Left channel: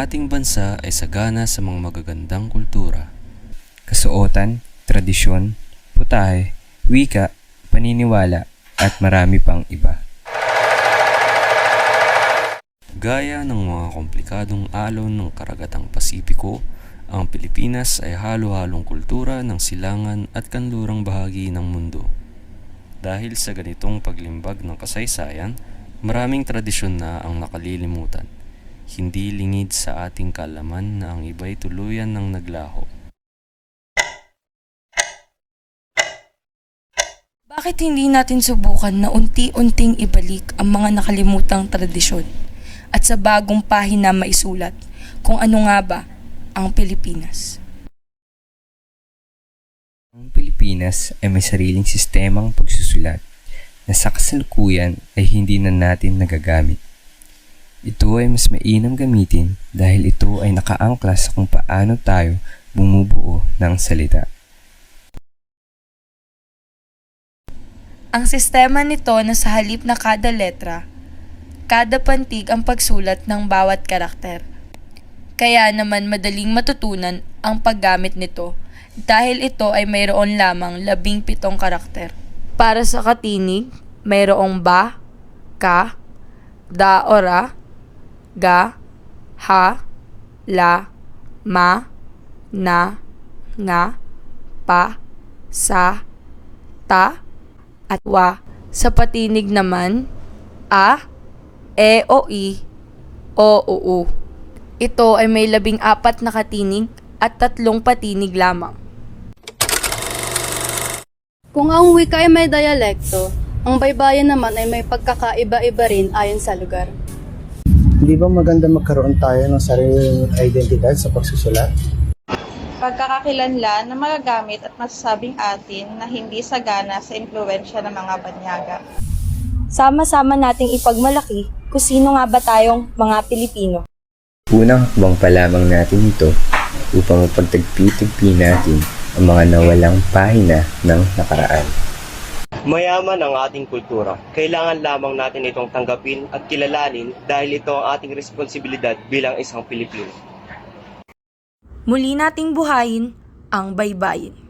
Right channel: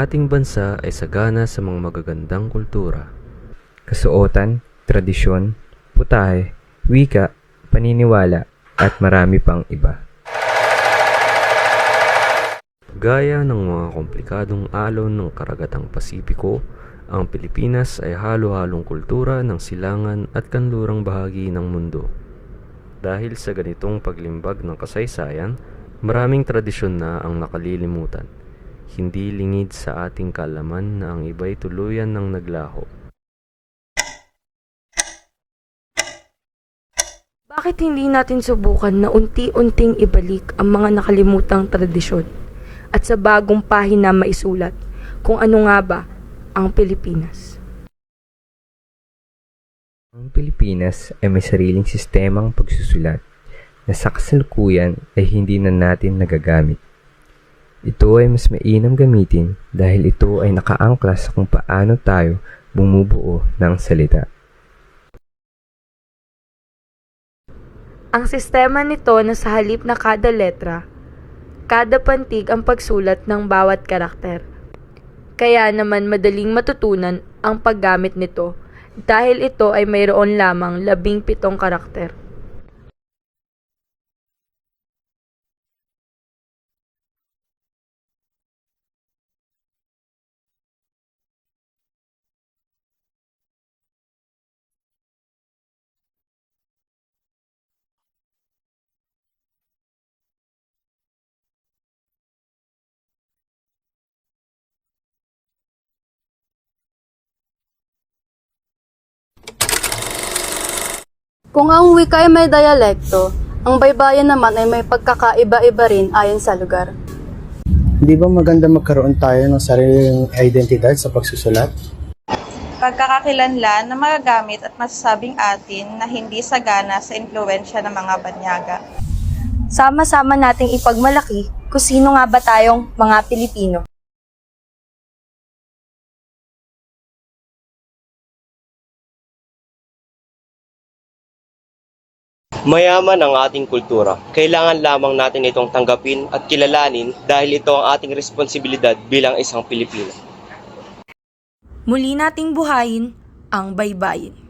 ating bansa ay sagana sa mga magagandang kultura. Kasuotan, tradisyon, putahe, wika, paniniwala, at marami pang iba. Gaya ng mga komplikadong alon ng karagatang Pasipiko, ang Pilipinas ay halo-halong kultura ng silangan at kanlurang bahagi ng mundo. Dahil sa ganitong paglimbag ng kasaysayan, maraming tradisyon na ang nakalilimutan. Hindi lingid sa ating kalaman na ang iba'y tuluyan ng naglaho. Bakit hindi natin subukan na unti-unting ibalik ang mga nakalimutang tradisyon at sa bagong pahina maisulat kung ano nga ba ang Pilipinas? Ang Pilipinas ay may sariling sistemang pagsusulat na sa kasalukuyan ay hindi na natin nagagamit. Ito ay mas mainam gamitin dahil ito ay nakaangkla sa kung paano tayo bumubuo ng salita. Ang sistema nito na sa halip na kada letra, kada pantig ang pagsulat ng bawat karakter. Kaya naman madaling matutunan ang paggamit nito dahil ito ay mayroon lamang labing pitong karakter. Para sa katinig, mayroong ba, ka, da ora, ga, ha, la, ma, na, nga, pa, sa, ta, at wa. Sa patinig naman, a, e o i, o u u. Ito ay may labing apat na katinig at tatlong patinig lamang. Kung ang wika ay may dialekto, ang baybayin naman ay may pagkakaiba-iba rin ayon sa lugar. Hindi ba maganda magkaroon tayo ng sariling identidad sa pagsusulat? pagkakakilanlan na magagamit at masasabing atin na hindi sagana sa impluensya ng mga banyaga. Sama-sama nating ipagmalaki kung sino nga ba tayong mga Pilipino. Unang hakbang pa lamang natin ito upang mapagtagpi-tagpi natin ang mga nawalang pahina ng nakaraan. Mayaman ang ating kultura. Kailangan lamang natin itong tanggapin at kilalanin dahil ito ang ating responsibilidad bilang isang Pilipino. Muli nating buhayin ang baybayin.